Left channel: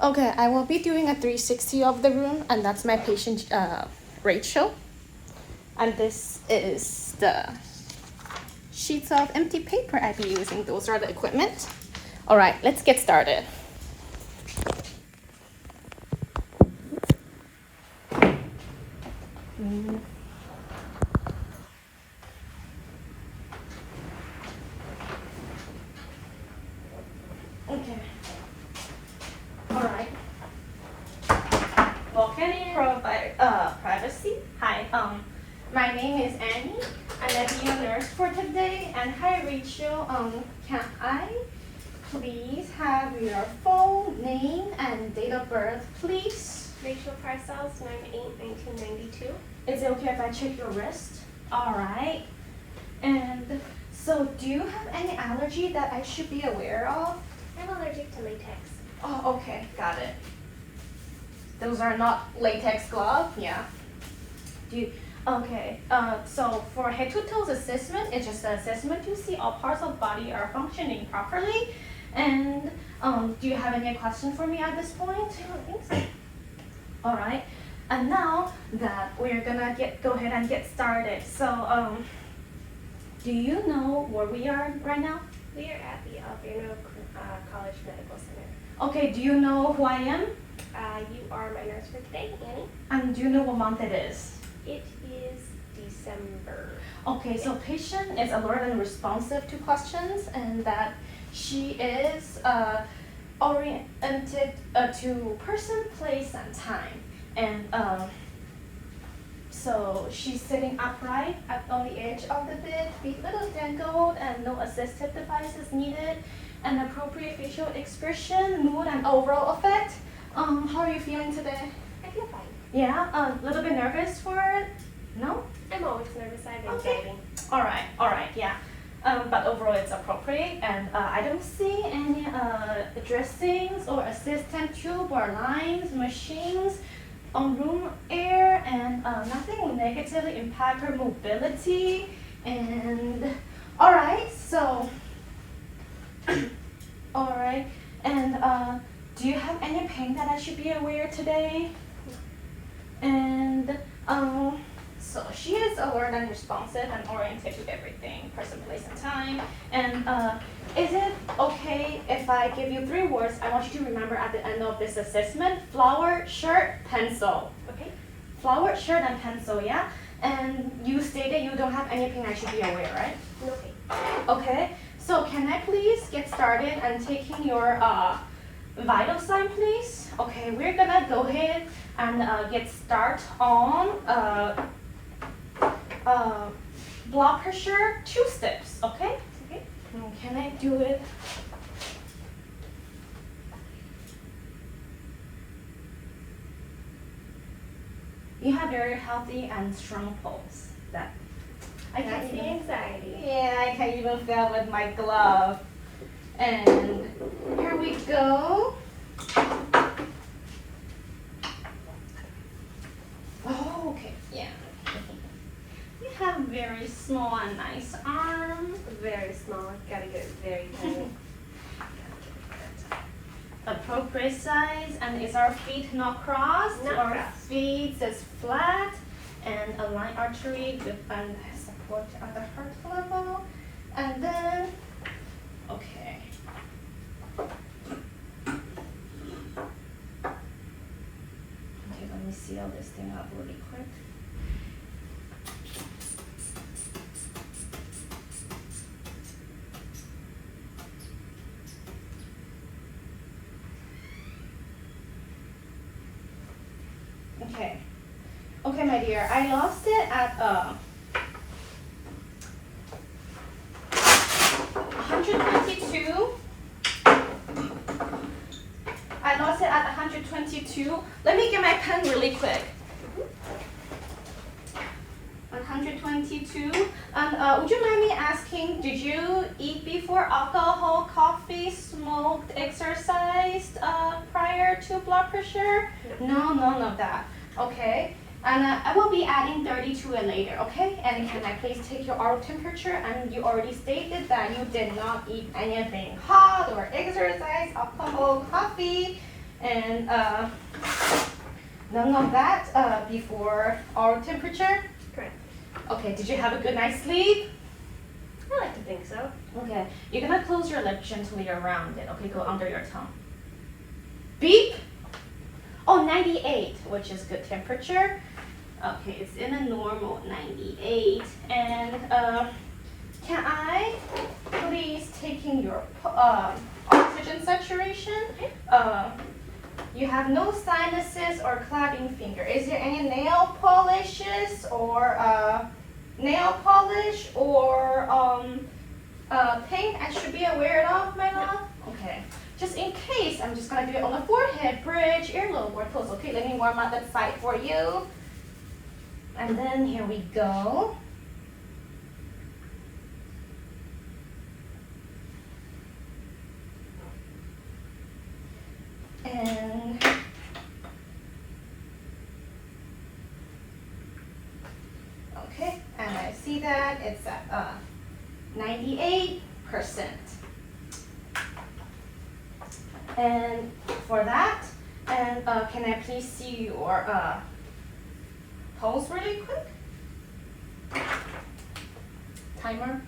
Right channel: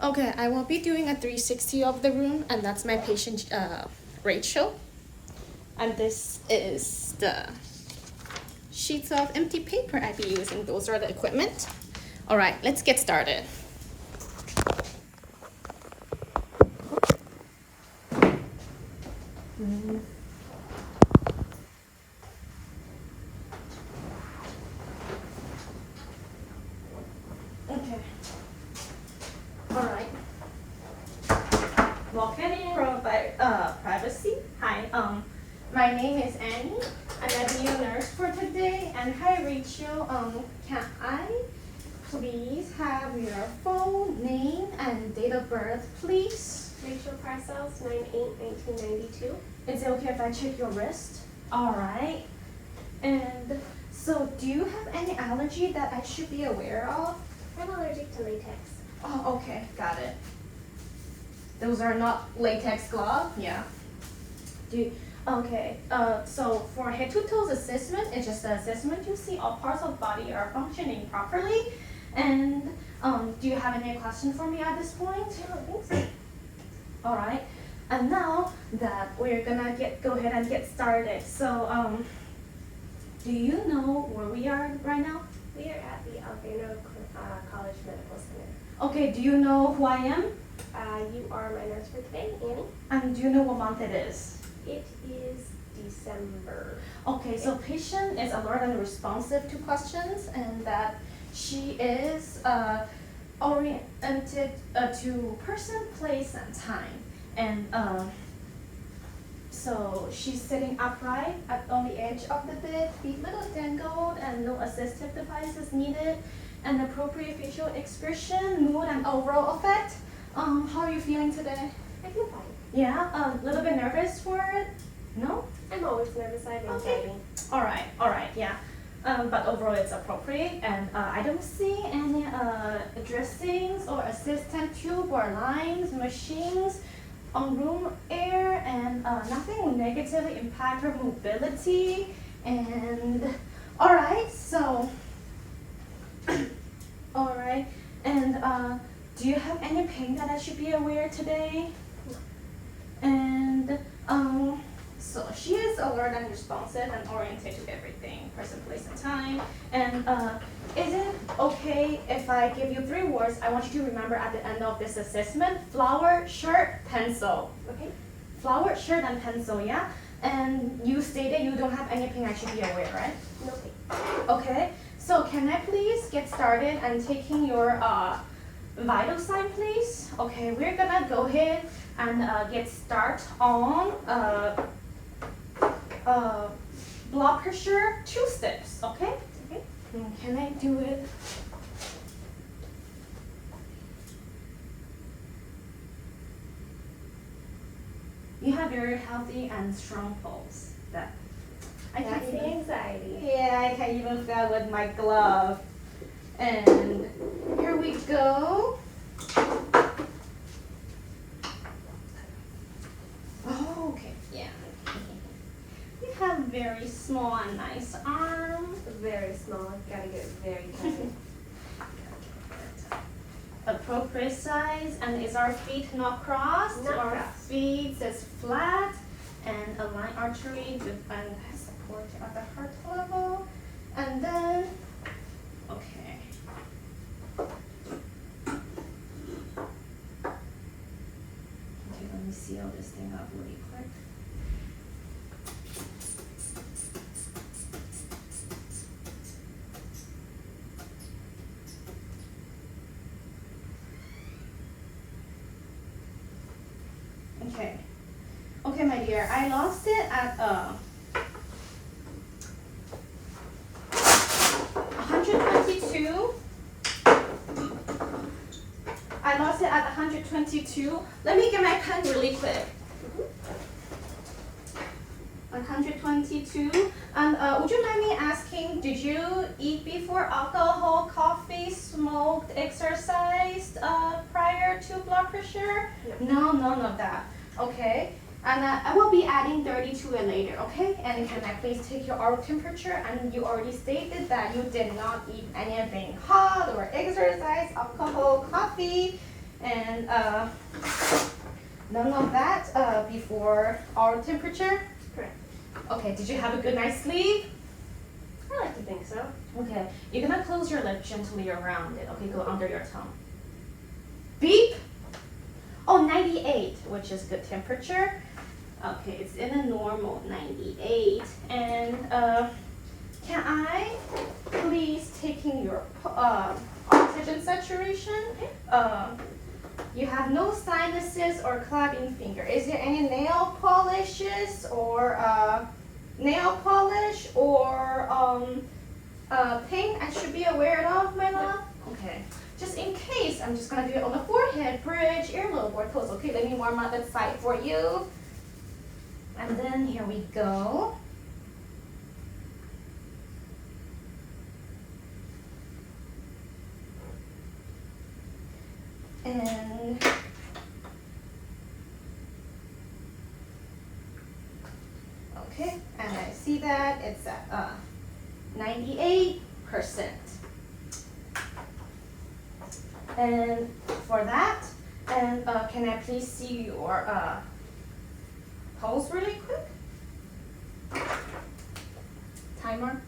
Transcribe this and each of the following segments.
Okay, I will be doing a 360 of the room, and that's my patient Rachel. And this is the sheets of empty paper I've been using. Those are the equipment. All right, let's get started. Okay. All right. Well, can you provide privacy? Hi, my name is Annie, and I'll be your nurse for today. And hi, Rachel. Can I please have your full name and date of birth, please? Rachel Parcells, 9/8/1992. Is it okay if I check your wrist? All right. And so, do you have any allergy that I should be aware of? I'm allergic to latex. Oh, okay, got it. Those are not latex gloves, yeah. Okay, so for head to toes assessment, it's just an assessment to see all parts of body are functioning properly. And do you have any questions for me at this point? I don't think so. All right, and now that we're gonna go ahead and get started. So, do you know where we are right now? We are at the Alverno College Medical Center. Okay, do you know who I am? You are my nurse for today, Annie. And do you know what month it is? It is December. Okay, so patient is alert and responsive to questions, and that she is oriented to person, place, and time. And so she's sitting upright on the edge of the bed, feet little dangled, and no assistive devices needed. And appropriate facial expression, mood, and overall effect. How are you feeling today? I feel fine. Yeah, a little bit nervous for it? No? I'm always nervous. I have Okay. anxiety. All right, yeah. But overall it's appropriate, and I don't see any dressings or assistant tube or lines, machines on room air, and nothing will negatively impact her mobility. And all right, so all right, and do you have any pain that I should be aware today? And so she is alert and responsive and oriented to everything, person, place, and time. And is it okay if I give you 3 words I want you to remember at the end of this assessment? Flower, shirt, pencil. Okay? Flower, shirt, and pencil, yeah? And you stated you don't have anything I should be aware, right? Okay. Okay, so can I please get started and taking your vital sign, please? Okay, we're gonna go ahead and get start on blood pressure 2 steps, okay? Okay. Can I do it? You have very healthy and strong pulse. That I That's can't the even. anxiety. Yeah, I can't even feel with my glove. And here we go. Oh, okay, yeah. You have very small and nice arms. Very small. Gotta get it very tight. Appropriate size, and is our feet not crossed? Not Our crossed. feet is flat, and align artery defend support at the heart level, and then okay. Okay, let me seal this thing up really quick. Okay. Okay, my dear, I lost it at 122. I lost it at 122. Let me get my pen really quick. 122. And would you mind me asking, did you eat before alcohol, coffee, smoked, exercised prior to blood pressure? No, none of that. Okay. And I will be adding 30 to it later, okay? And can I please take your oral temperature? And you already stated that you did not eat anything hot or exercise, alcohol, coffee. And none of that before our temperature? Correct. Okay, did you have a good night's sleep? I like to think so. Okay, you're gonna close your lip gently around it. Okay, go under your tongue. Beep! Oh, 98, which is good temperature. Okay, it's in a normal 98. And can I please taking your oxygen saturation? Okay. You have no sinuses or clapping finger. Is there any nail polishes or nail polish or paint I should be aware of, my love? Okay. Just in case, I'm just gonna do it on the forehead, bridge, earlobe, or toes. Okay, let me warm up that side for you. And then here we go. And okay, and I see that it's at 98%. And for that, and can I please see your pulse really quick? Timer.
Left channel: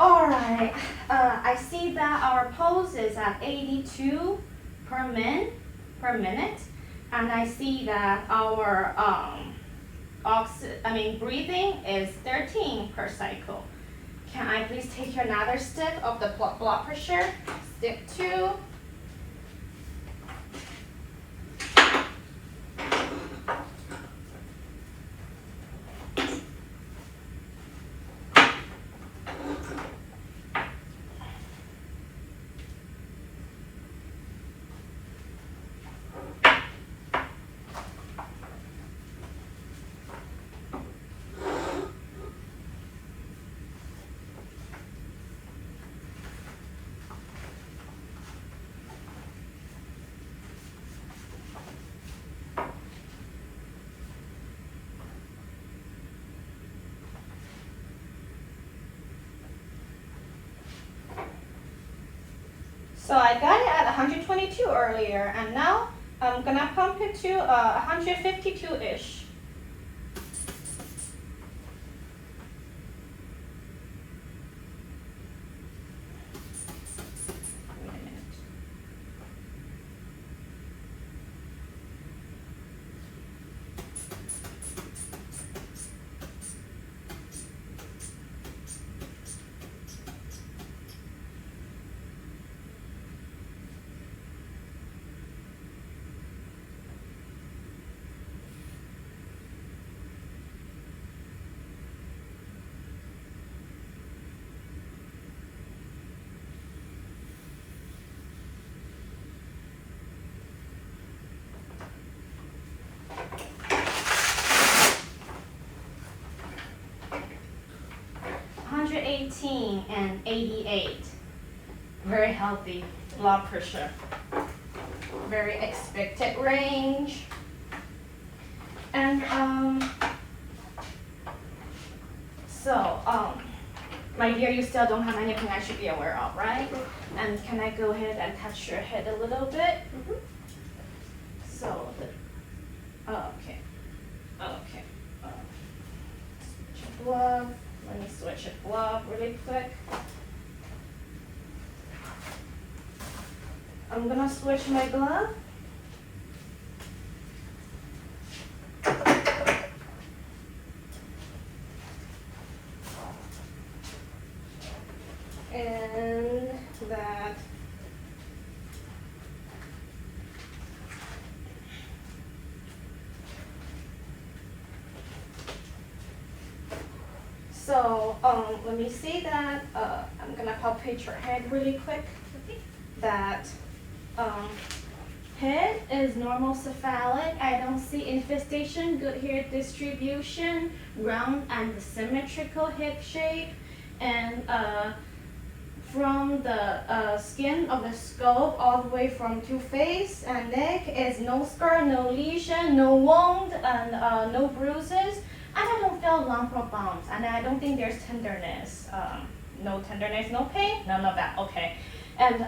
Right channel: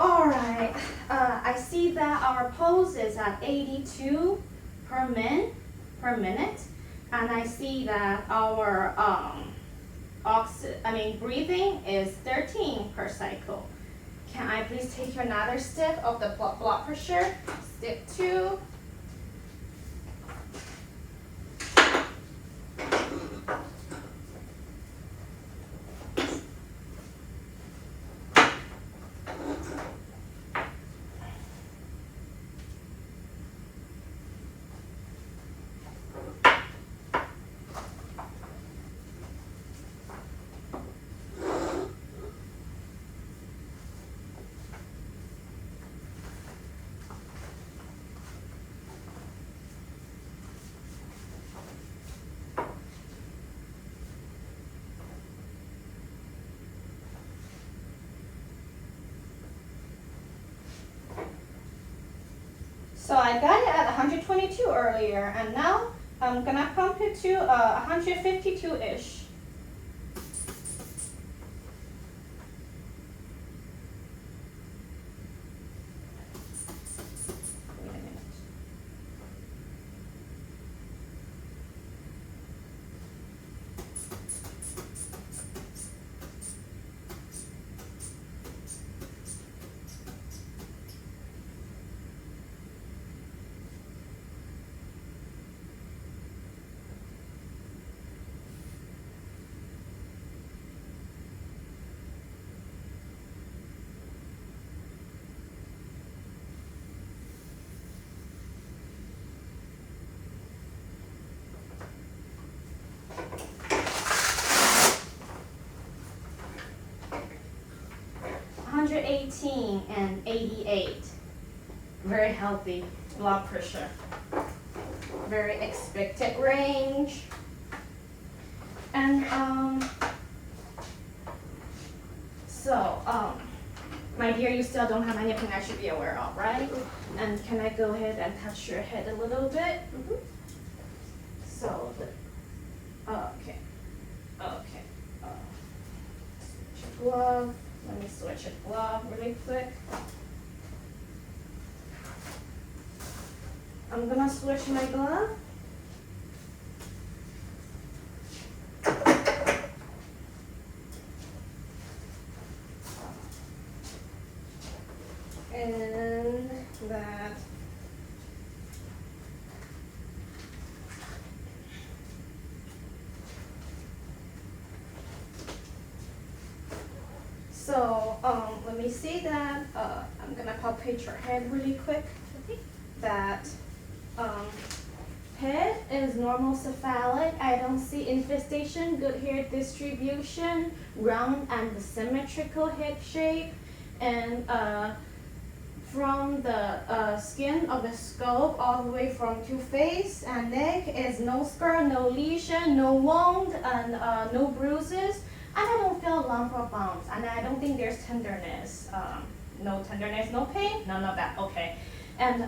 All right, I see that our pulse is at 82 per minute, and I see that our breathing is 13 per cycle. Can I please take another step of the blood pressure? Step 2. So I got it at 122 earlier, and now I'm gonna pump it to 152-ish. Wait a minute. $118 and 88. Very healthy blood pressure. Very expected range. And my dear, you still don't have anything I should be aware of, right? And can I go ahead and touch your head a little bit? Mm-hmm. So, okay. Switch a glove. Let me switch a glove really quick. I'm gonna switch my glove. And that. So, let me see that. I'm gonna palpate your head really quick. That head is normal cephalic. I don't see infestation, good hair distribution, round and symmetrical head shape, and from the skin of the skull all the way from to face and neck is no scar, no lesion, no wound, and no bruises. And I don't feel lump or bumps, and I don't think there's tenderness. No tenderness, no pain, none of that. Okay. And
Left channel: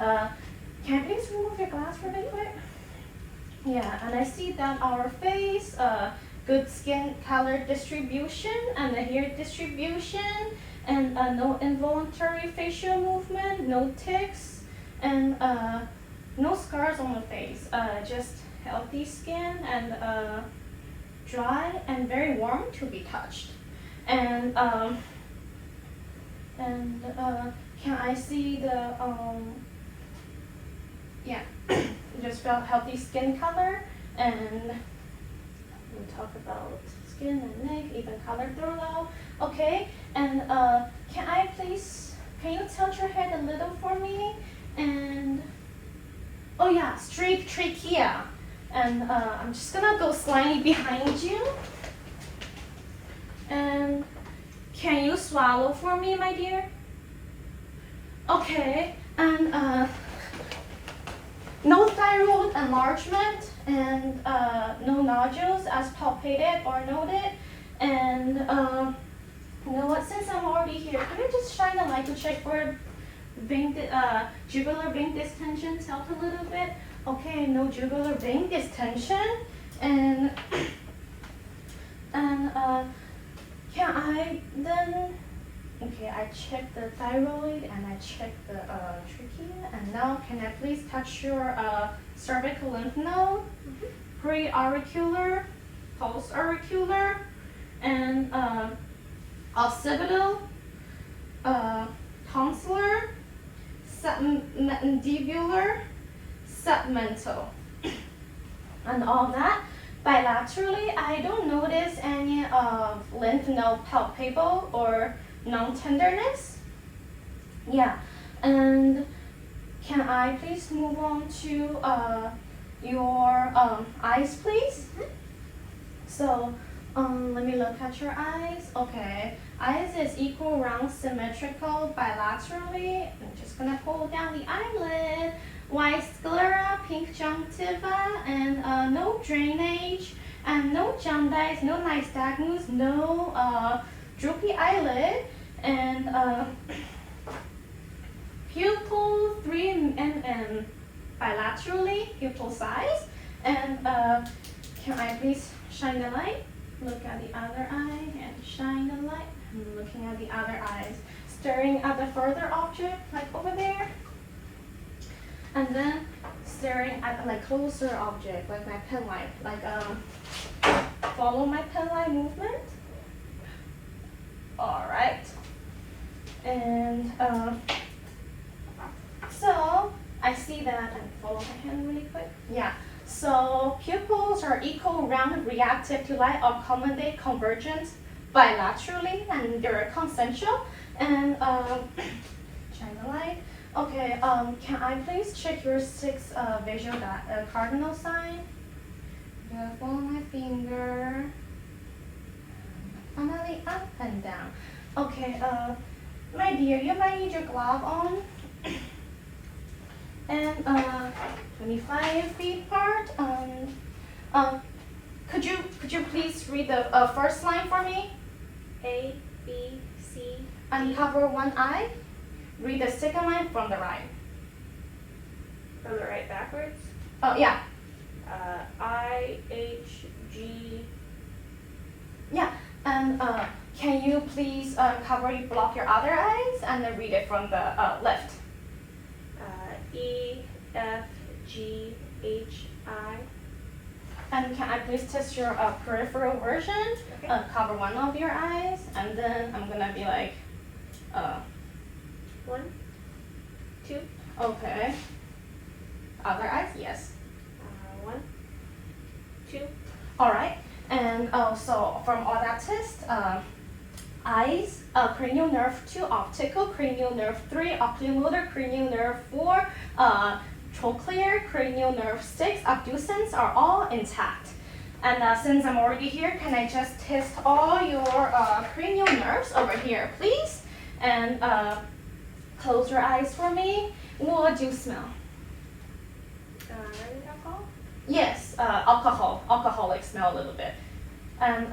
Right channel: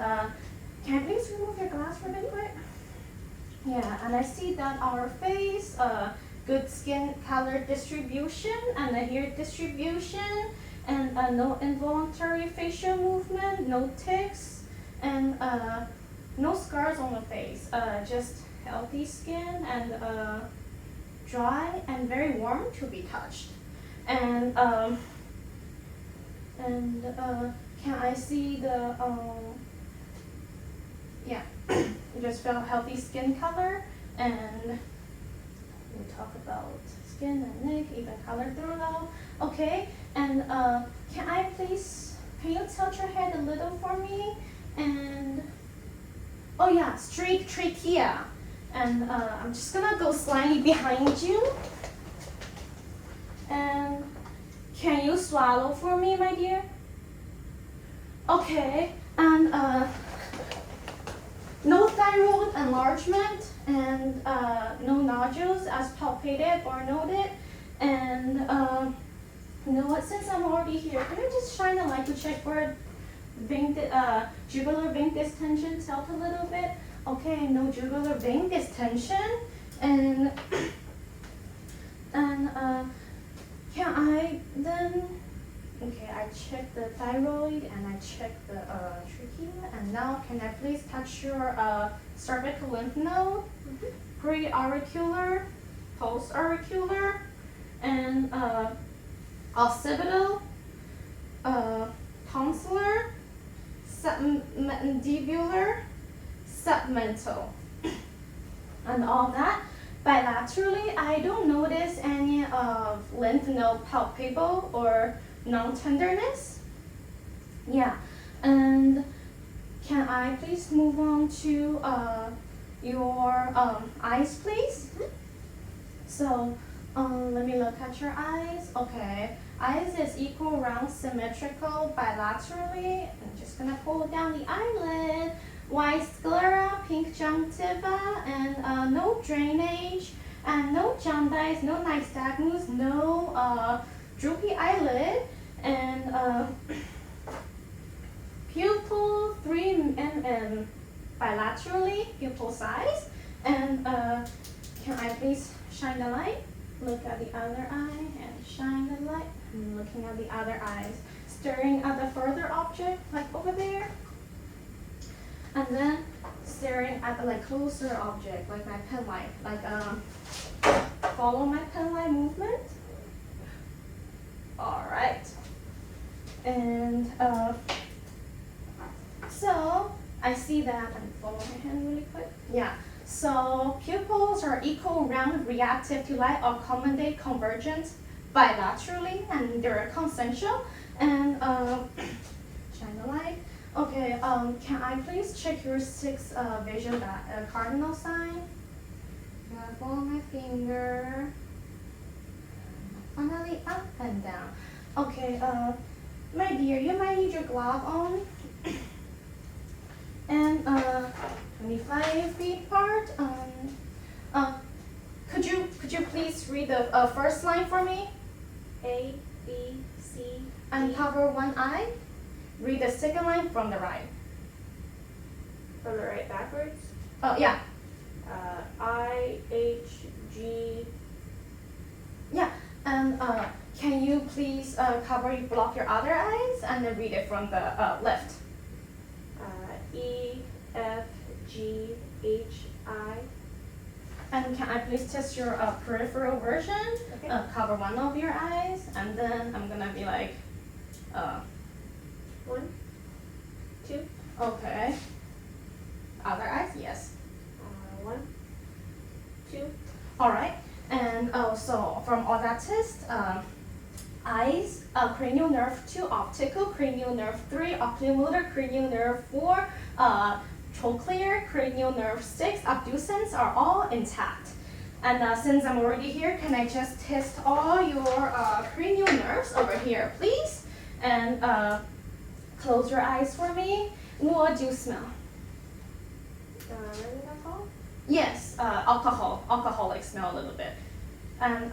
can I please remove your glass really quick? Yeah, and I see that our face, good skin color distribution and the hair distribution, and no involuntary facial movement, no tics, and no scars on the face. Just healthy skin and dry and very warm to be touched. And can I see the yeah, just felt healthy skin color, and we talk about skin and neck, even color throughout. Okay, and can you tilt your head a little for me? And oh yeah, straight trachea. And I'm just gonna go slightly behind you. And can you swallow for me, my dear? Okay, and no thyroid enlargement, and no nodules as palpated or noted. And you know what, since I'm already here, can you just shine a light to check for jugular vein distension? Tilt a little bit. Okay, no jugular vein distension. And can I then, okay, I checked the thyroid and I checked the trachea, and now can I please touch your cervical lymph node, pre-auricular, post-auricular, and occipital, tonsillar, submandibular, submental, and all that. Bilaterally, I don't notice any lymph node palpable or non-tenderness. Yeah, and can I please move on to your eyes, please? So, let me look at your eyes. Okay, eyes is equal, round, symmetrical, bilaterally. I'm just gonna pull down the eyelid. White sclera, pink conjunctiva, and no drainage, and no jaundice, no nystagmus, no droopy eyelid, and pupil 3 mm bilaterally, pupil size. And can I please shine the light? Look at the other eye and shine the light. I'm looking at the other eyes, staring at the further object, like over there. And then staring at the closer object, like my pen light, follow my pen light movement. All right. And so I see that, and follow my hand really quick. Yeah. So pupils are equal, round, reactive to light, accommodate convergence bilaterally, and they're consensual. And shine the light. Okay, can I please check your 6 visual cardinal sign? Follow my finger. Finally, up and down. Okay, my dear, you might need your glove on. And 25 feet apart. Could you please read the first line for me? A, B, C, Uncover one eye. Read the second line from the right. from the right backwards. Oh, yeah. I, H, G. Yeah. And can you please block your other eyes and then read it from the left? E, F, GHI. And can I please test your peripheral vision? Okay. Cover one of your eyes, and then I'm gonna be like, 1, 2, okay. Other eyes, yes. 1, 2. All right. And so from all that test, eyes, cranial nerve 2, optical, cranial nerve 3, oculomotor, cranial nerve 4, trochlear, cranial nerve 6, abducens are all intact. And since I'm already here, can I just test all your cranial nerves over here, please? And close your eyes for me. What do you smell? Rubbing alcohol. Yes, alcoholic smell a little bit. And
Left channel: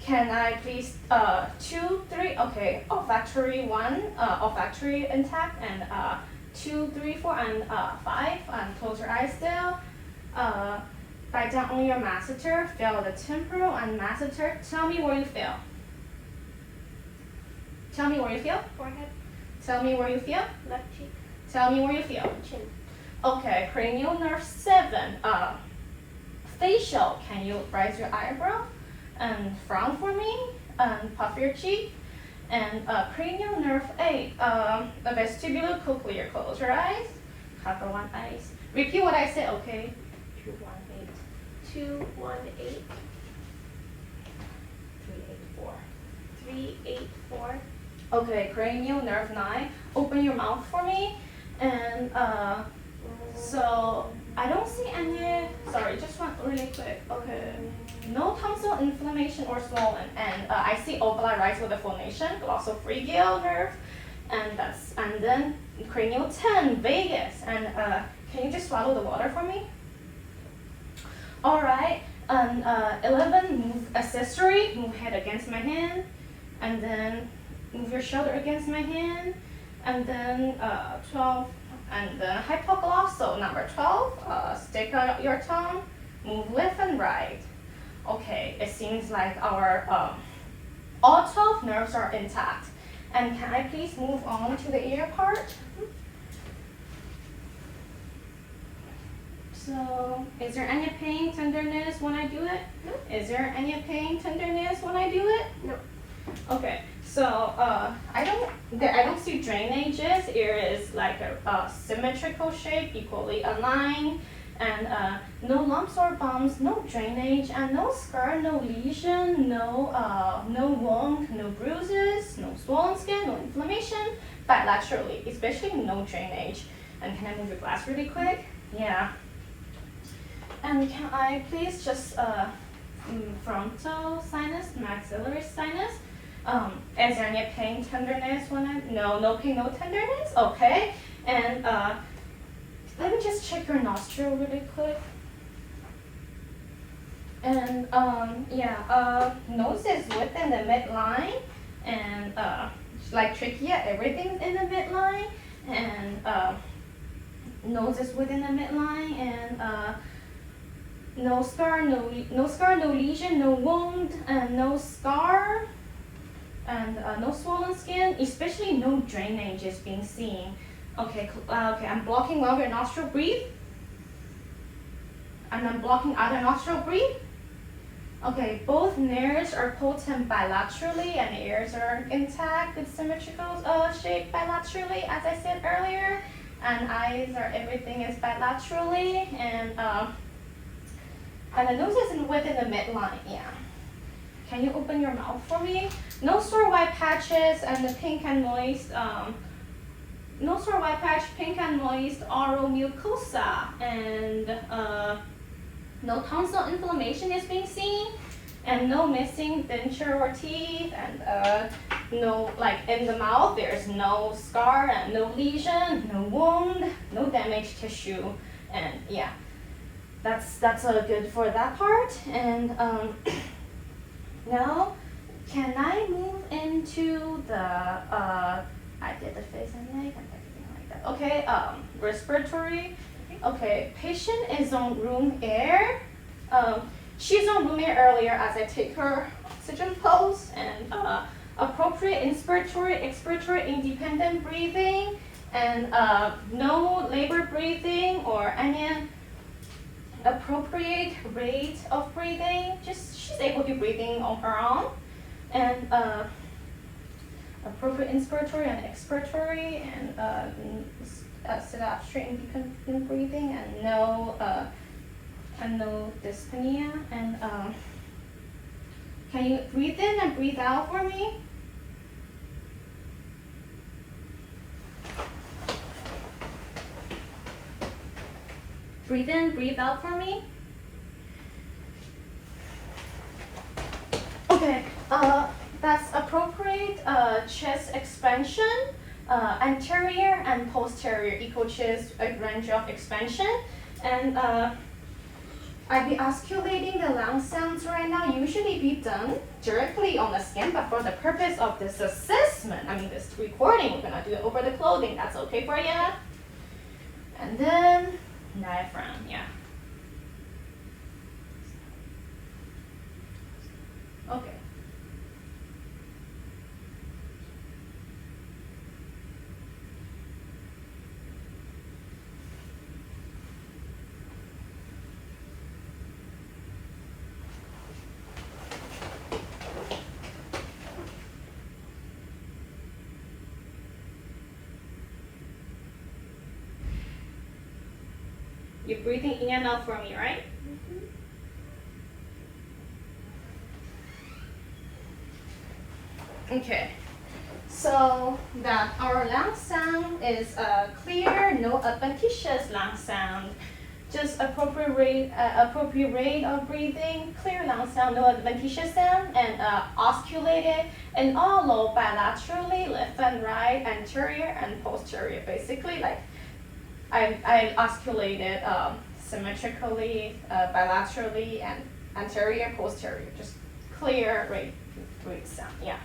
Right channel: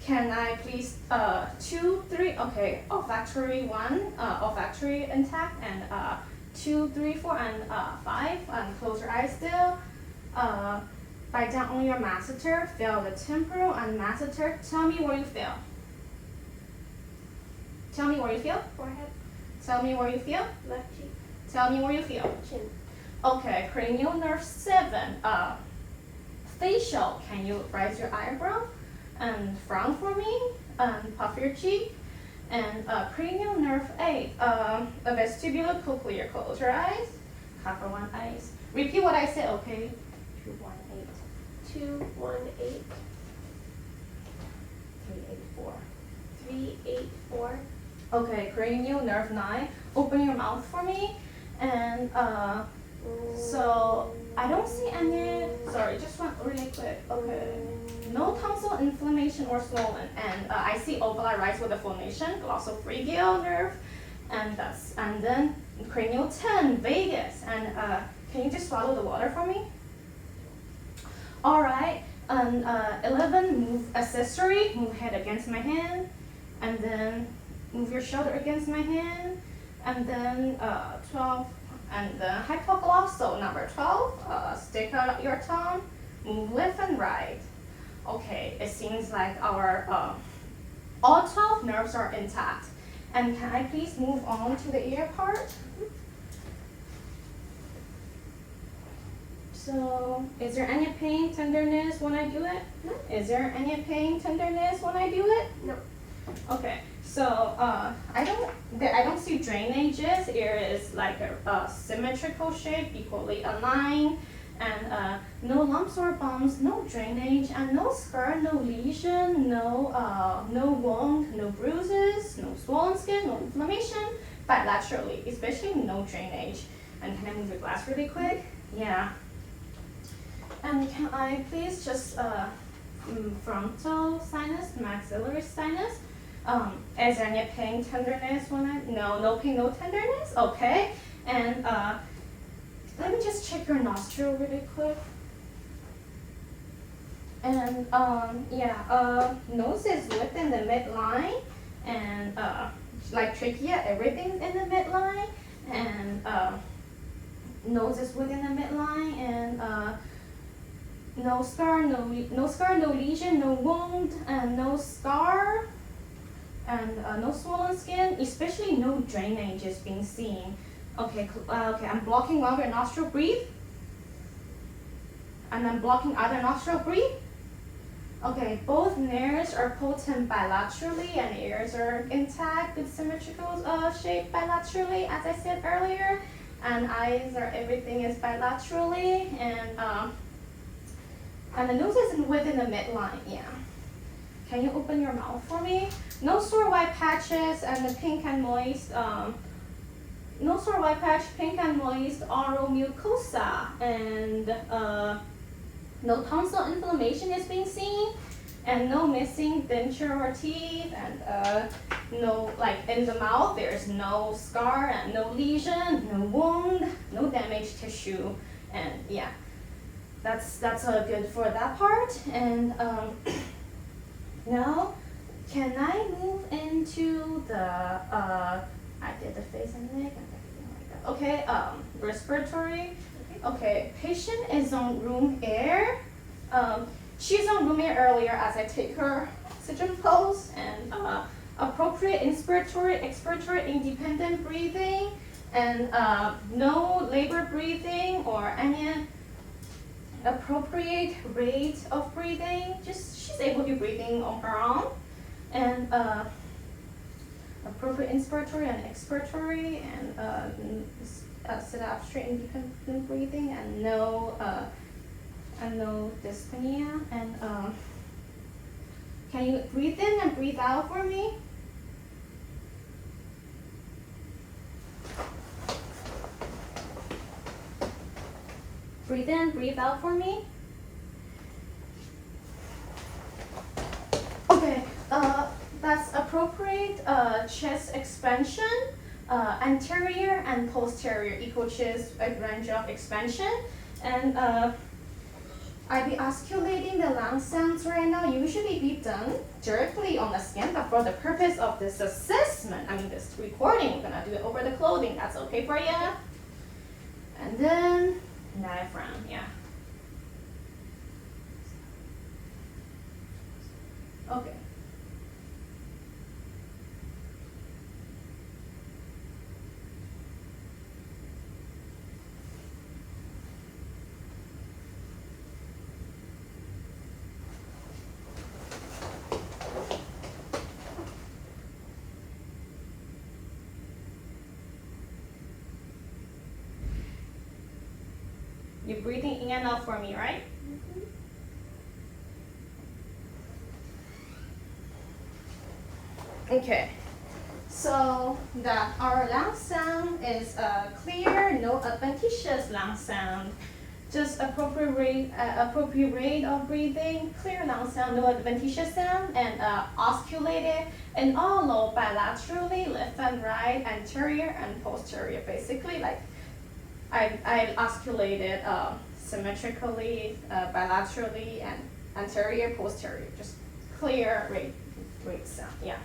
can I please 2, 3? Okay, olfactory 1, olfactory intact, and 2, 3, 4, and 5. And close your eyes still. Bite down on your masseter. Feel the temporal and masseter. Tell me where you feel. Tell me where you feel. Forehead. Tell me where you feel. Left cheek. Tell me where you feel. Chin. Okay, cranial nerve 7. Facial. Can you raise your eyebrow and frown for me and puff your cheek? And cranial nerve 8. Vestibular cochlear. Close your eyes. Cover one eyes. Repeat what I said. Okay. 218. 218. 384. 384. Okay, cranial nerve 9. Open your mouth for me. And so I don't see any. Sorry, just one really quick. Okay. No tonsil inflammation or swollen, and I see ovali rise with the phonation, glossopharyngeal nerve, and then cranial 10, vagus, and can you just swallow the water for me? All right, and 11, move accessory, move head against my hand, and then move your shoulder against my hand, and then 12, and hypoglossal number 12, stick out your tongue, move left and right. Okay, it seems like our all 12 nerves are intact. And can I please move on to the ear part? So, is there any pain, tenderness when I do it? No. Is there any pain, tenderness when I do it? No. Okay, so I don't see drainages. Ear is like a symmetrical shape, equally aligned. And no lumps or bumps, no drainage, and no scar, no lesion, no wound, no bruises, no swollen skin, no inflammation, bilaterally, especially no drainage. And can I move your glass really quick? Yeah. And can I please just frontal sinus, maxillary sinus? Is there any pain, tenderness when no pain, no tenderness? Okay. And let me just check your nostril really quick. And nose is within the midline, and like trachea, everything's in the midline, and nose is within the midline, and no scar, no lesion, no wound, and no scar, and no swollen skin, especially no drainage is being seen. Okay, okay, I'm blocking one of your nostril, breathe. And I'm blocking other nostril, breathe. Okay, both nerves are potent bilaterally and ears are intact, good symmetrical shape bilaterally, as I said earlier. And eyes are, everything is bilaterally, and the nose is within the midline, yeah. Can you open your mouth for me? No sore white patches and the pink and moist, no sore white patch, pink and moist oral mucosa, and no tonsil inflammation is being seen, and no missing denture or teeth, and no, like in the mouth, there's no scar and no lesion, no wound, no damaged tissue, and yeah, that's good for that part. And now, can I move into the I did the face and neck and everything like that. Okay, respiratory. Okay, patient is on room air. She's on room air earlier as I take her oxygen pulse, and appropriate inspiratory, expiratory, independent breathing, And no labor breathing or any appropriate rate of breathing. Just she's able to breathing on her own. And appropriate inspiratory and expiratory, and sit up straight independent breathing, and no dyspnea. And can you breathe in and breathe out for me? Breathe in, breathe out for me. Okay, that's appropriate chest expansion, anterior and posterior equal chest range of expansion. And I'll be osculating the lung sounds right now. Usually be done directly on the skin, but for the purpose of this assessment, this recording, we're gonna do it over the clothing. That's okay for you? And then diaphragm, yeah. Okay. You're breathing in and out for me, right? Okay, so that our lung sound is clear, no adventitious lung sound, just appropriate rate of breathing, clear lung sound, no adventitious sound, and osculated and all low bilaterally, left and right, anterior and posterior. Basically, like I osculated symmetrically, bilaterally, and anterior, posterior, just clear rate sound, yeah.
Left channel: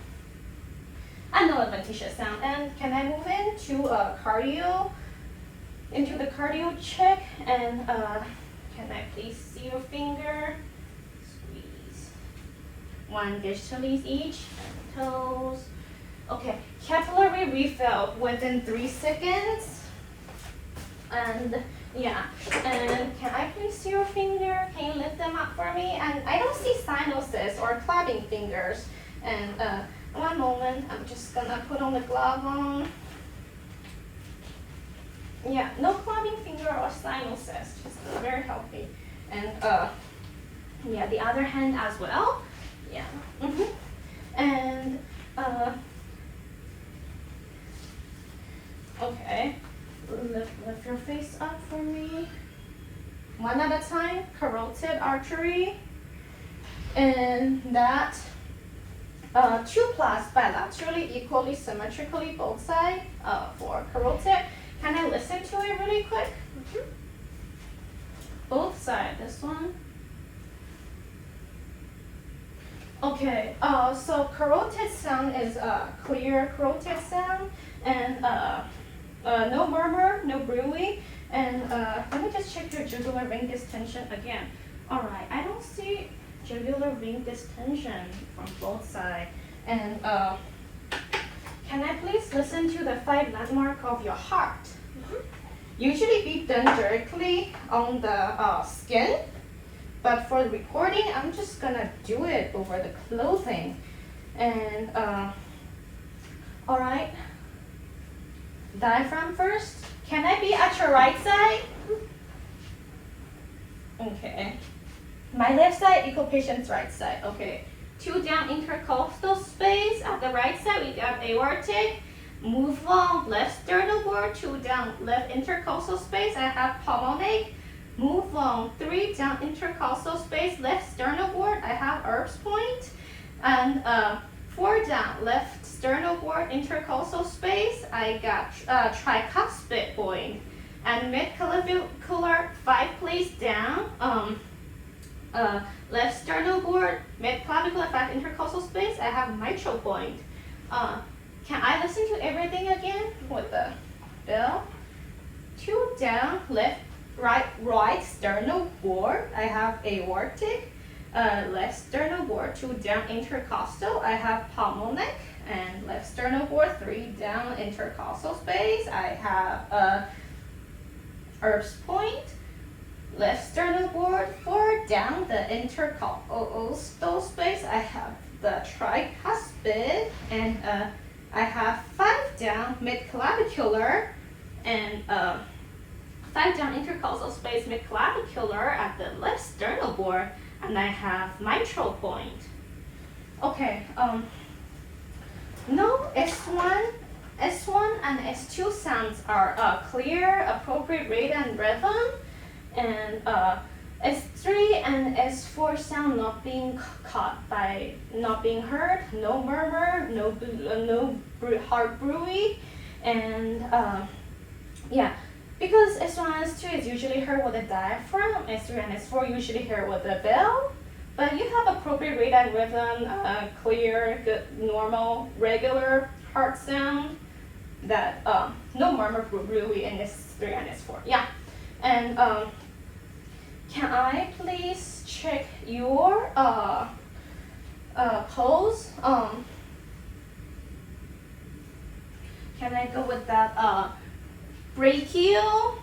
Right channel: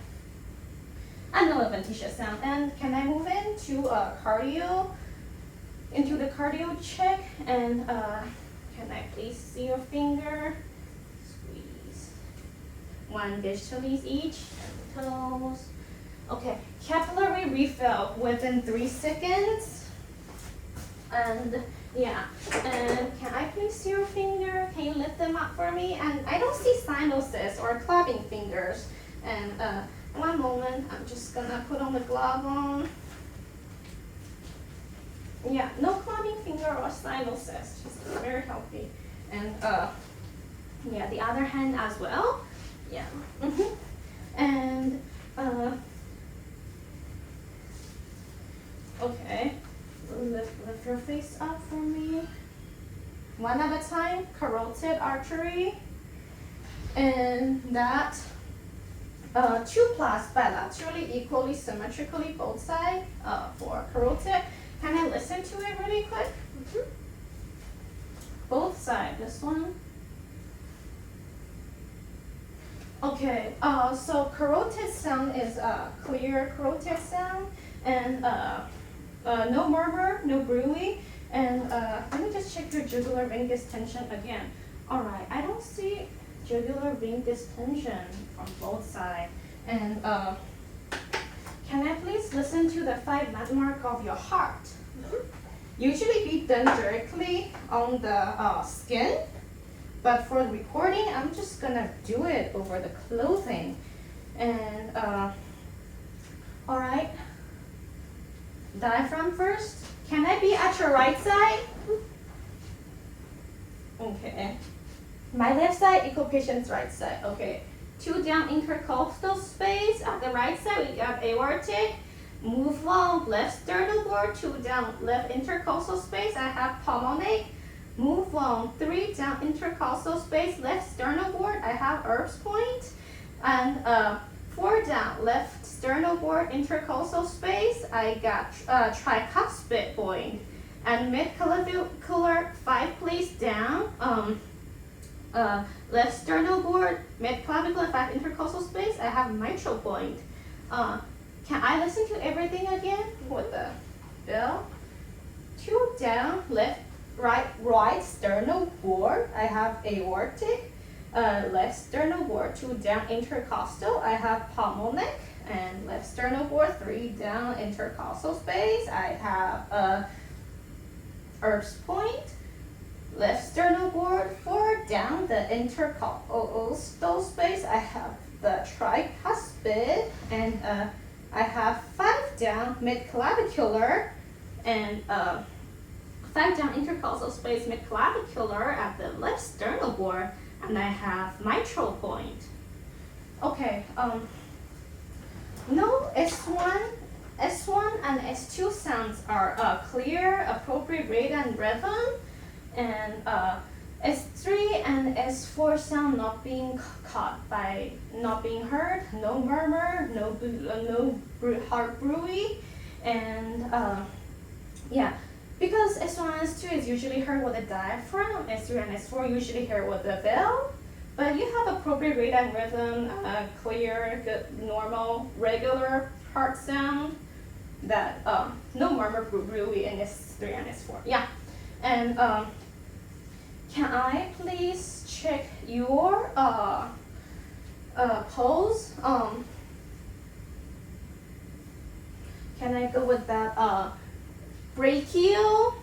And no adventitious sound. And can I move into cardio, into the cardio check? And can I please see your finger? Squeeze. One distally each, toes. Okay, capillary refill within 3 seconds. And yeah, and can I please see your finger? Can you lift them up for me? And I don't see sinuses or clapping fingers. And one moment, I'm just gonna put on the glove on. Yeah, no clapping finger or sinuses, just very healthy. And yeah, the other hand as well. Yeah. And okay, lift your face up for me. One at a time, carotid artery. And that 2+ bilaterally, equally, symmetrically, both sides for carotid. Can I listen to it really quick? Both sides, this one. Okay, so carotid sound is clear carotid sound, and no murmur, no brewing. And let me just check your jugular vein distension again. All right, I don't see jugular vein distension from both sides. And can I please listen to the 5 landmark of your heart? Usually be done directly on the skin, but for the recording, I'm just gonna do it over the clothing. And all right, diaphragm first. Can I be at your right side? Okay. My left side, equal patient's right side. Okay. 2 down intercostal space. At the right side, we got aortic. Move long, left sternal board. 2 down, left intercostal space. I have pulmonic. Move long, 3 down intercostal space, left sternal board. I have Erb's point. And 4 down, left sternal board, intercostal space. I got tricuspid point. And mid-clavicular 5 place down. Left sternal board, mid-clavicular 5 intercostal space. I have mitral point. Can I listen to everything again with the bell? 2 down, right sternal board. I have aortic. Left sternal board, 2 down intercostal. I have pulmonic. and left sternal board, 3 down, intercostal space. I have a Erb's point, left sternal board, 4 down, the intercostal space. I have the tricuspid, and I have 5 down, mid-clavicular, and 5 down intercostal space, mid-clavicular at the left sternal board, and I have mitral point. Okay, no S1 and S2 sounds are clear, appropriate rate and rhythm, and S3 and S4 sound not being caught by, not being heard, no murmur, no heart bruit, and yeah, because S1 and S2 is usually heard with a diaphragm, S3 and S4 usually heard with a bell, but you have appropriate rate and rhythm, clear, good, normal, regular heart sound, that no murmur really in S3 and S4. Yeah, and can I please check your pulse? Can I go with that brachial?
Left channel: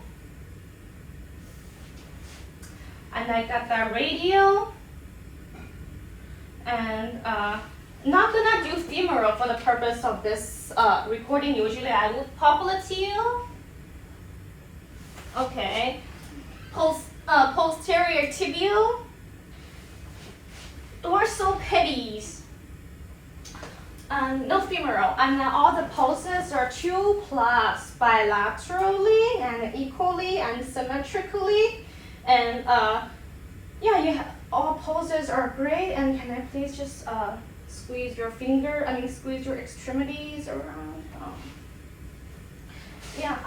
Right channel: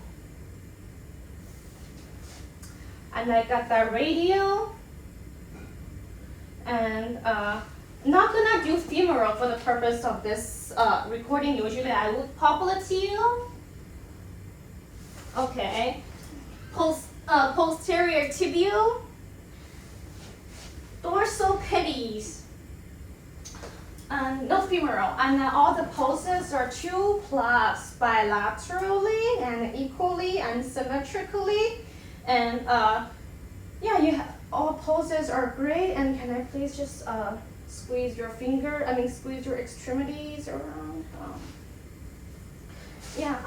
And I got the radial. And not gonna do femoral for the purpose of this recording. Usually I would popliteal. Okay. Posterior tibial. Dorsal pedis. No femoral. And all the pulses are 2+ bilaterally and equally and symmetrically. And yeah, you have, all poses are great. And can I please just squeeze your squeeze your extremities around? Yeah,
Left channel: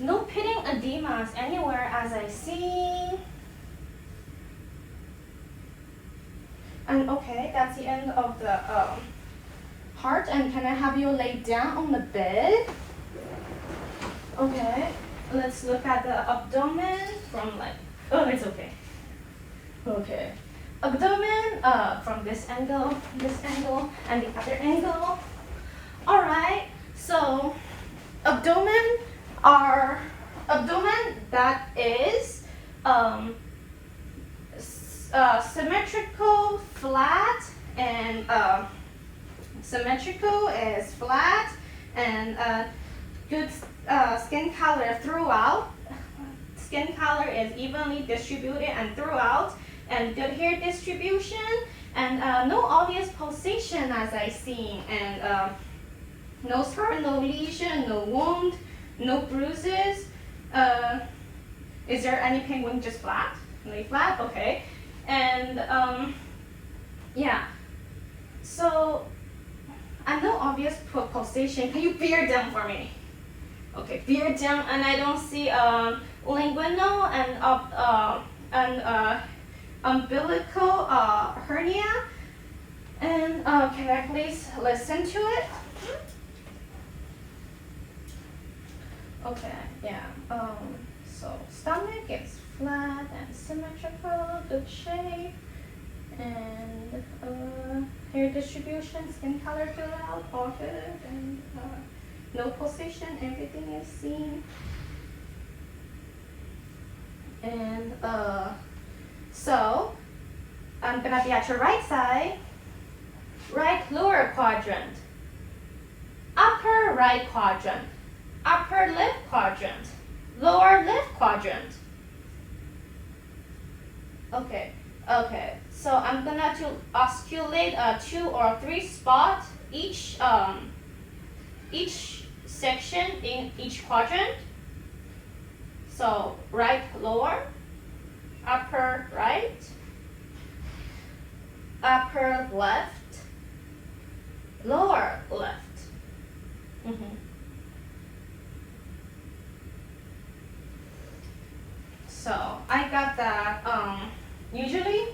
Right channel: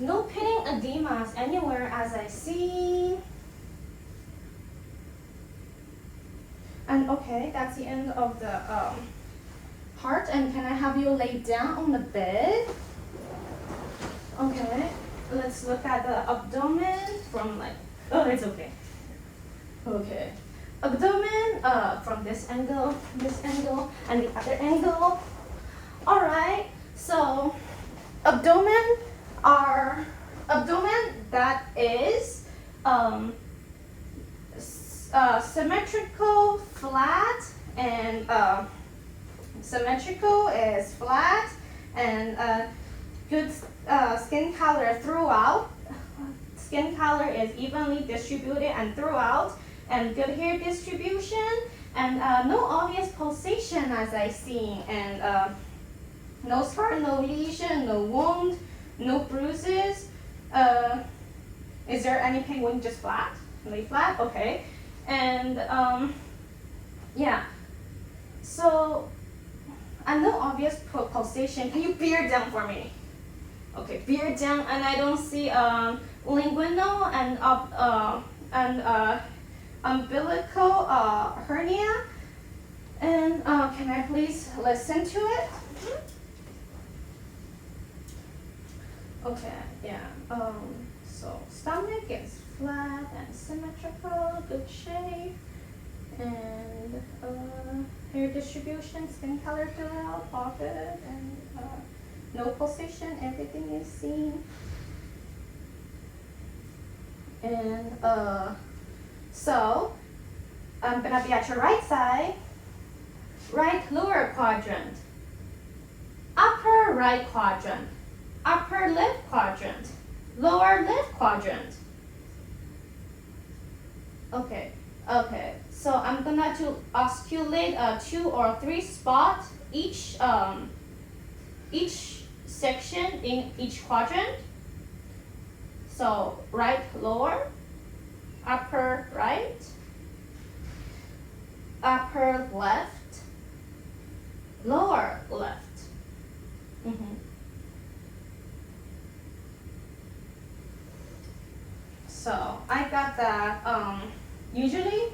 no pitting edemas anywhere as I see. And okay, that's the end of the heart. And can I have you lay down on the bed? Okay, let's look at the abdomen from oh, it's okay. Okay, abdomen from this angle, and the other angle. All right, so abdomen that is symmetrical, flat, and symmetrical is flat, and good skin color throughout. Skin color is evenly distributed and throughout, and good hair distribution, and no obvious pulsation as I see, and no scar, no lesion, no wound, no bruises. Is there any pain when just flat? Lay flat, okay. And yeah, so, and no obvious pulsation. Can you bear down for me? Okay, bear down, and I don't see linguinal and umbilical hernia. And can I please listen to it? Okay, yeah. So stomach is flat and symmetrical, good shape, and hair distribution, skin color filled out, all good, and no pulsation, everything is seen. And so I'm gonna be at your right side, right lower quadrant, upper right quadrant, upper left quadrant, lower left quadrant. Okay, so I'm gonna to osculate 2 or 3 spots each section in each quadrant. So right lower, upper right, upper left, lower left. So I got that usually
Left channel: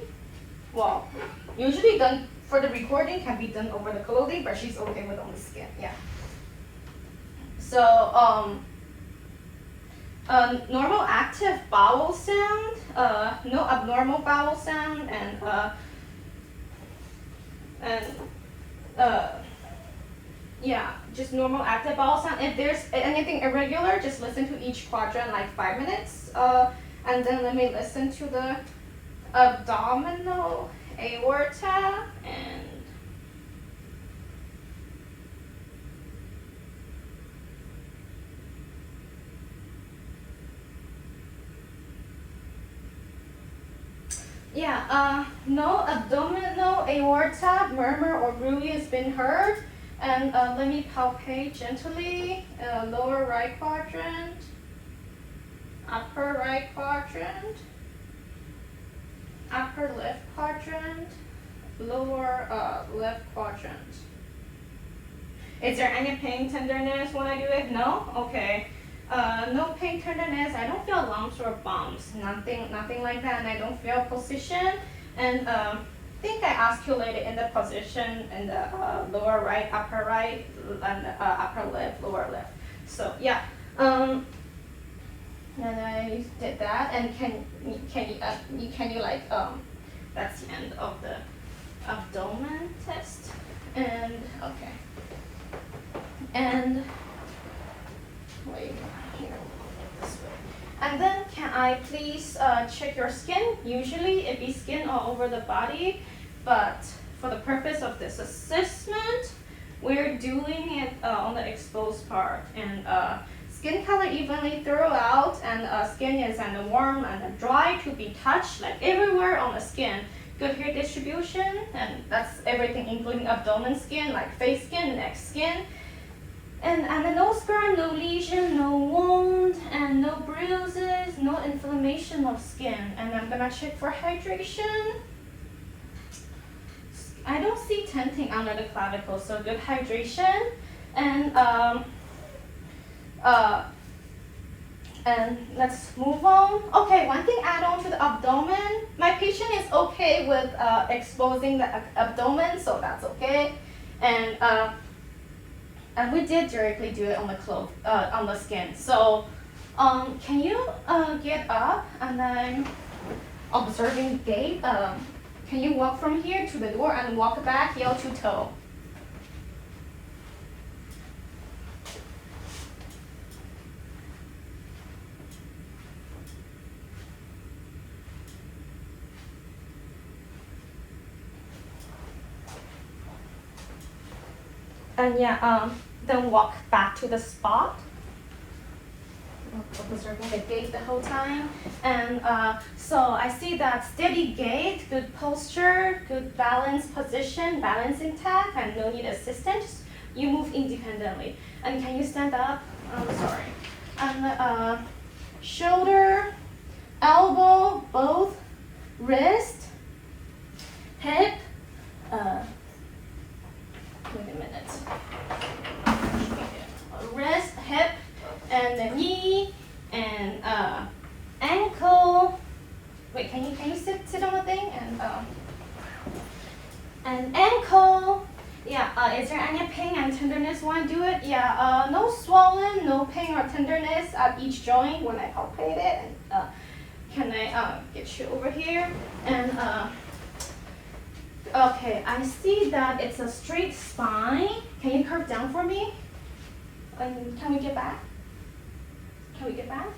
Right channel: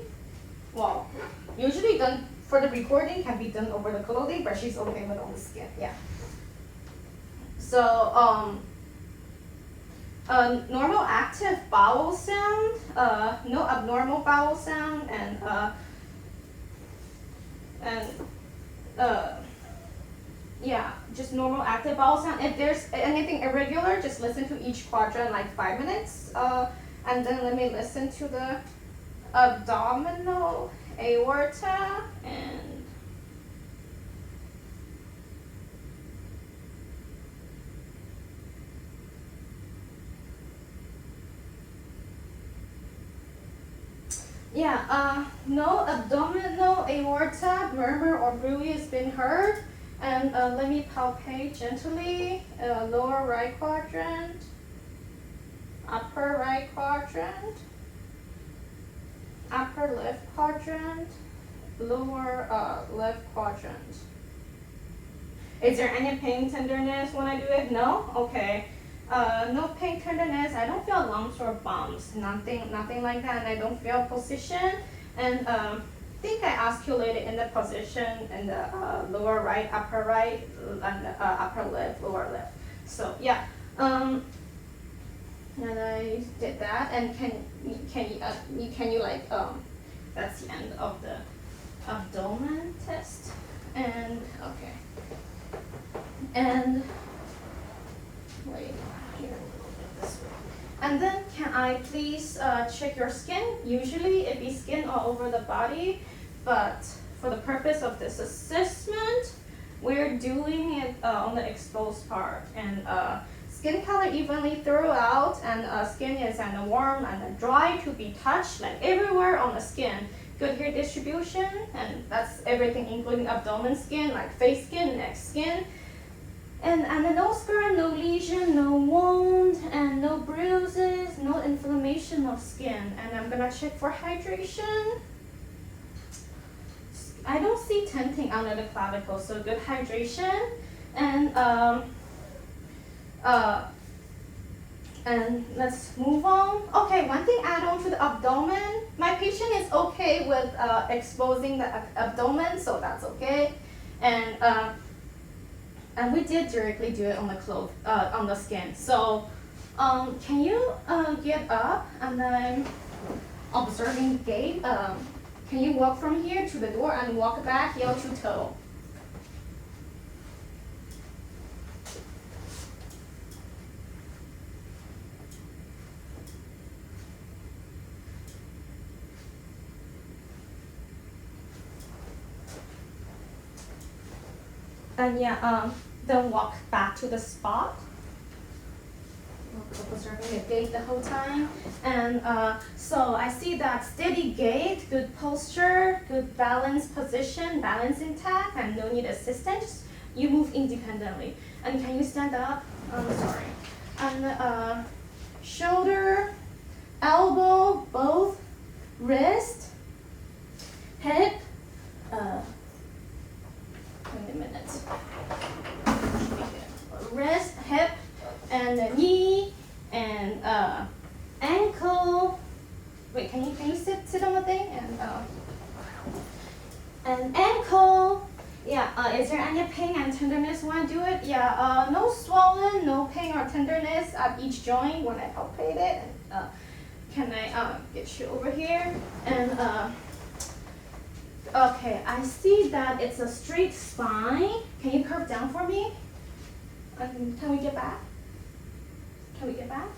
done for the recording, can be done over the clothing, but she's okay with on the skin, yeah. So normal active bowel sound, no abnormal bowel sound, and yeah, just normal active bowel sound. If there's anything irregular, just listen to each quadrant like 5 minutes. And then let me listen to the abdominal aorta and yeah, no abdominal aorta murmur or bruit has been heard. And let me palpate gently. Lower right quadrant, upper right quadrant, upper left quadrant, lower left quadrant. Is there any pain, tenderness when I do it? No? Okay. No pain, tenderness. I don't feel lumps or bumps. Nothing like that. And I don't feel position. And I think I oscillated in the position in the lower right, upper right, and upper left, lower left. So yeah. And I did that. And can you like that's the end of the abdomen test. And okay. And wait here, this way. And then can I please check your skin? Usually it be skin all over the body, but for the purpose of this assessment, we're doing it on the exposed part. And skin color evenly throughout, and skin is warm and dry to be touched, like everywhere on the skin. Good hair distribution, and that's everything including abdomen skin, like face skin, neck skin. And no scar, no lesion, no wound, and no bruises, no inflammation of skin. And I'm gonna check for hydration. I don't see tenting under the clavicle, so good hydration. And let's move on. Okay, one thing add on to the abdomen. My patient is okay with exposing the abdomen, so that's okay. And we did directly do it on the on the skin. So, can you get up and then observing gait? Can you walk from here to the door and walk back heel to toe? And yeah, then walk back to the spot. Observing the gait the whole time. And so I see that steady gait, good posture, good balance position, balance intact, and no need assistance. You move independently. And can you stand up? Sorry. And shoulder, elbow, both, wrist, hip. Wait a minute. Wrist, hip, and the knee, and ankle. Wait, can you sit on the thing and ankle. Yeah. Is there any pain and tenderness when I do it? Yeah. No swollen, no pain or tenderness at each joint when I palpate it. And can I get you over here and okay, I see that it's a straight spine. Can you curve down for me? And can we get back? Can we get back?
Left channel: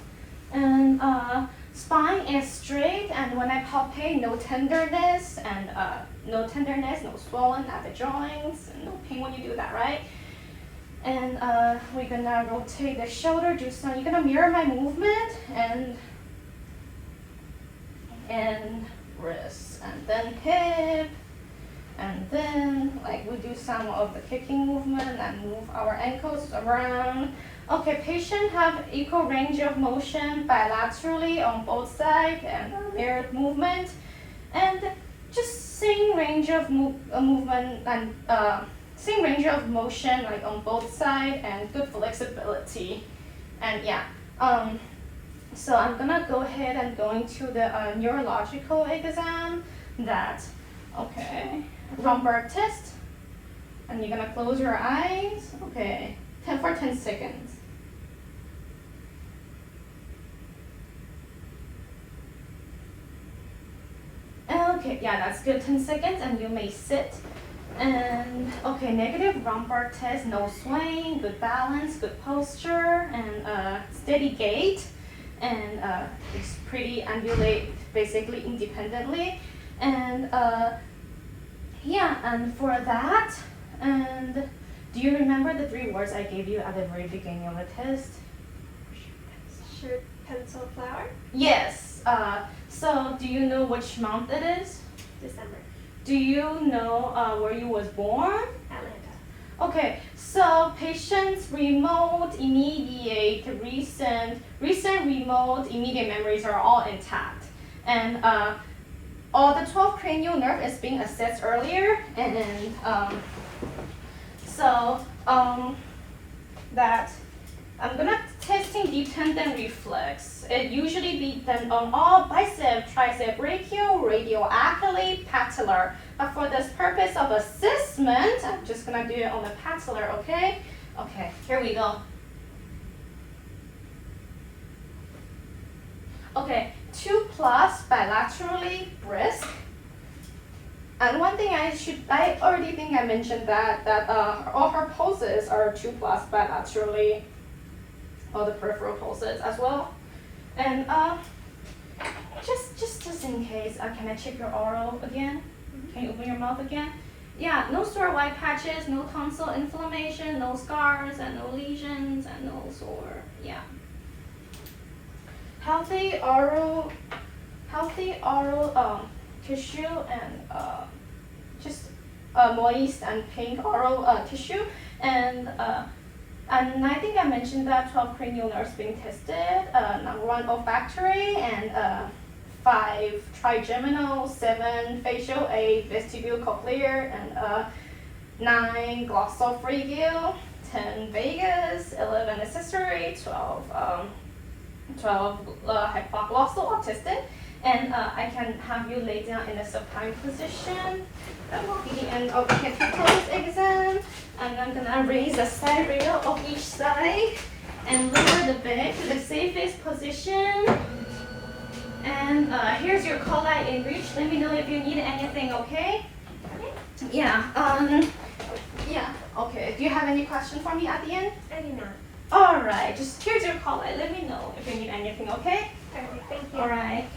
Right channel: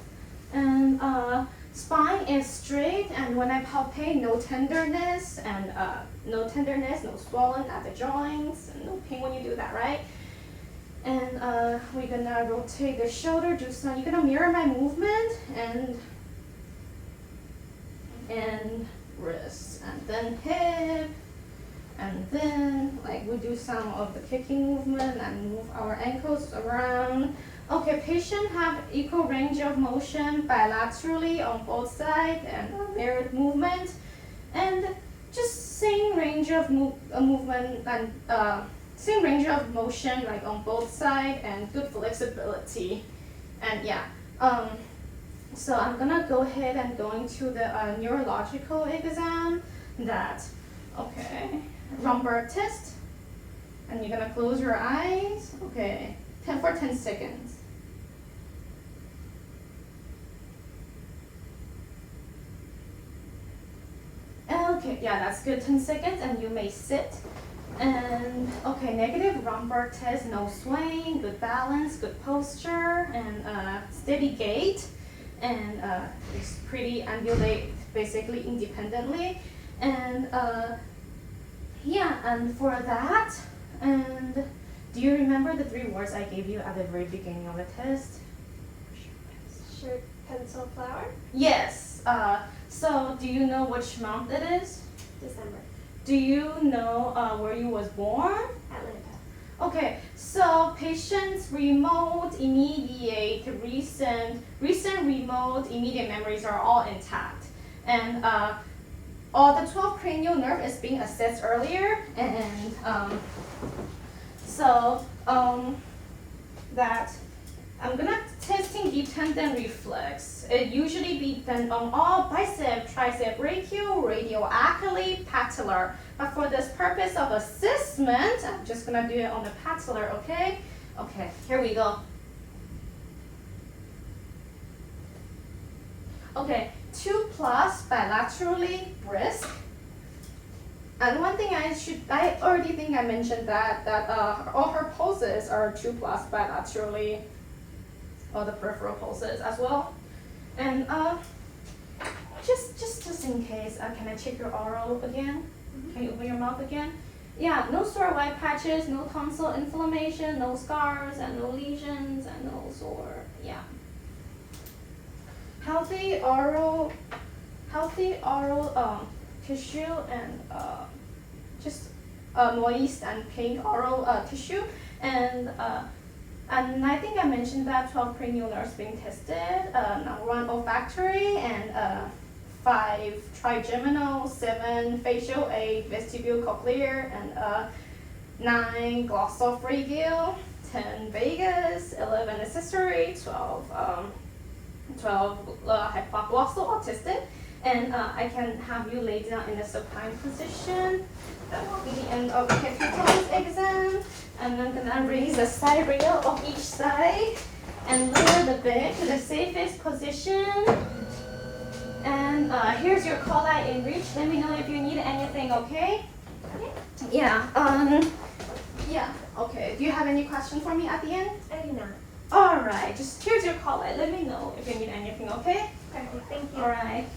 And spine is straight, and when I palpate, no tenderness, and no swollen at the joints, and no pain when you do that, right? And we're gonna rotate the shoulder, you're gonna mirror my movement, and wrist, and then hip. And then, like, we do some of the kicking movement and move our ankles around. Okay, patient have equal range of motion bilaterally on both sides and mirrored movement. And just same range of movement and same range of motion, like on both sides, and good flexibility. And yeah, so I'm gonna go ahead and go into the neurological exam that, okay. Lumbar test, and you're gonna close your eyes. Okay, 10 seconds. Okay, yeah, that's good. 10 seconds, and you may sit. And okay, negative lumbar test, no swaying, good balance, good posture, and steady gait, and it's pretty ambulate basically independently, and yeah, and for that, and do you remember the 3 words I gave you at the very beginning of the test? Shirt, pencil, flower. Yes. So do you know which month it is? December. Do you know where you was born? Atlanta. Okay, so patient's remote, immediate, recent, remote, immediate memories are all intact. And all the 12 cranial nerve is being assessed earlier, and that I'm gonna testing deep tendon reflex. It usually be done on all bicep, tricep, brachial, radial, achilles, patellar. But for this purpose of assessment, I'm just gonna do it on the patellar, okay? Okay, here we go. Okay, 2+ bilaterally brisk. And one thing I already think I mentioned that all her poses are 2+ bilaterally, all the peripheral poses as well. And just in case, can I check your oral again? Can you open your mouth again? Yeah, no sore white patches, no tonsil inflammation, no scars, and no lesions, and no sore. Yeah. Healthy oral tissue, and just moist and pink oral tissue, and I think I mentioned that 12 cranial nerves being tested, number 1 olfactory, and 5 trigeminal, 7 facial, 8 vestibular cochlear, and 9 glossopharyngeal, 10 vagus, 11 accessory, 12 hypoglossal autistic. And I can have you lay down in a supine position. That will be the end of the capitolis exam. And I'm gonna raise the side rail of each side and lower the back to the safest position. And here's your call out in reach. Let me know if you need anything, okay? Okay. Yeah. Yeah. Okay. Do you have any question for me at the end? I do not. All right. Just here's your call out. Let me know if you need anything, okay? Perfect. Thank you. All right.